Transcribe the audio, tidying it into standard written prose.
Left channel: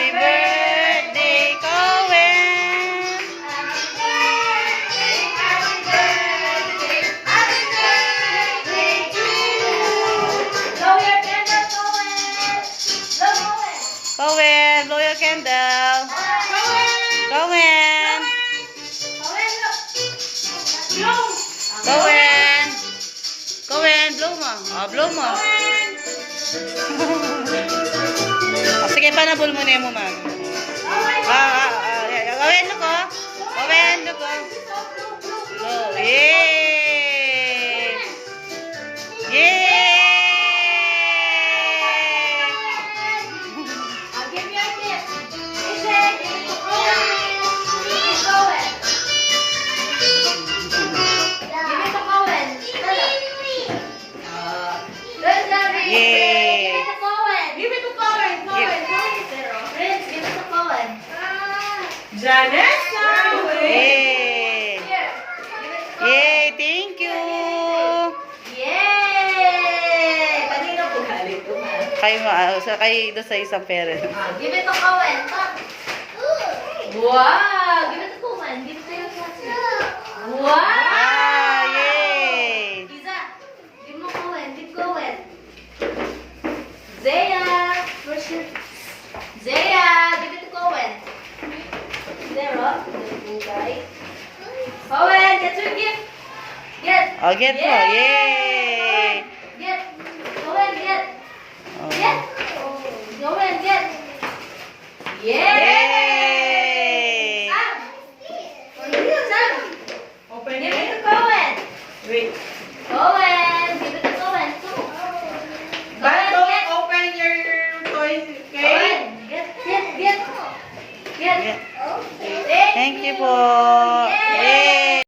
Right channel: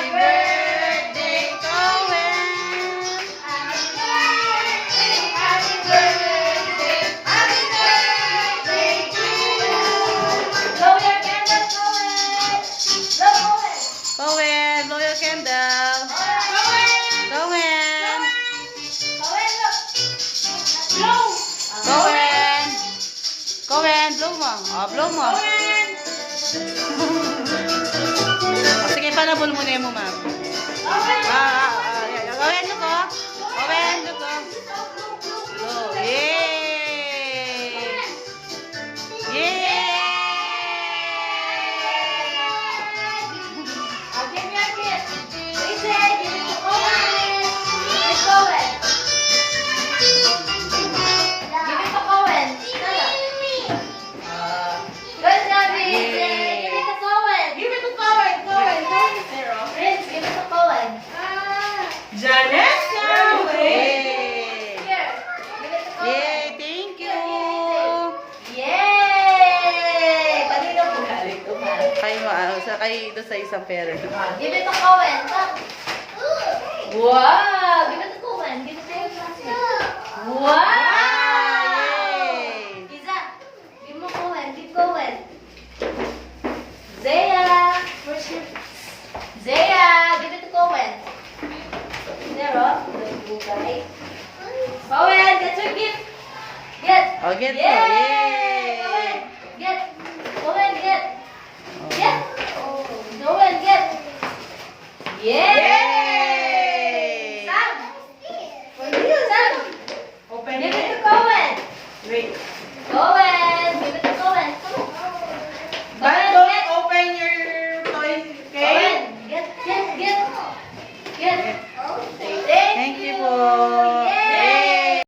Happy birthday, Cohen! Cohen, blow your candle. Cohen! Cohen! Cohen, blow mo. Oh, blow mo. Oh, sige, panabol muna mo, ma'am. Cohen, look, oh. Cohen, look, oh. Blow. Yay! Yay! Yay! Janessa! Yay! Yay! Thank you! Yay! Kanina po galing po, ha? Kay doon sa isang parent. Give it to Cohen. Wow! Give it to Cohen. Give it to your classmate. Wow! Yay! Isa, give mo Cohen. Give Cohen. Zaya! Where's your... Zaya! Give it to Cohen. Zero. Good guy. Cohen, get your gift. Get. Oh, get mo. Yay! Get. Cohen, get. Oh. Get. Cohen, get. Yay! Yay! Sam. For you, Sam. Give it to Cohen. Wait. Cohen, give it to Cohen. Come on. But Cohen, don't get. open your toys, okay? Cohen, get. Get.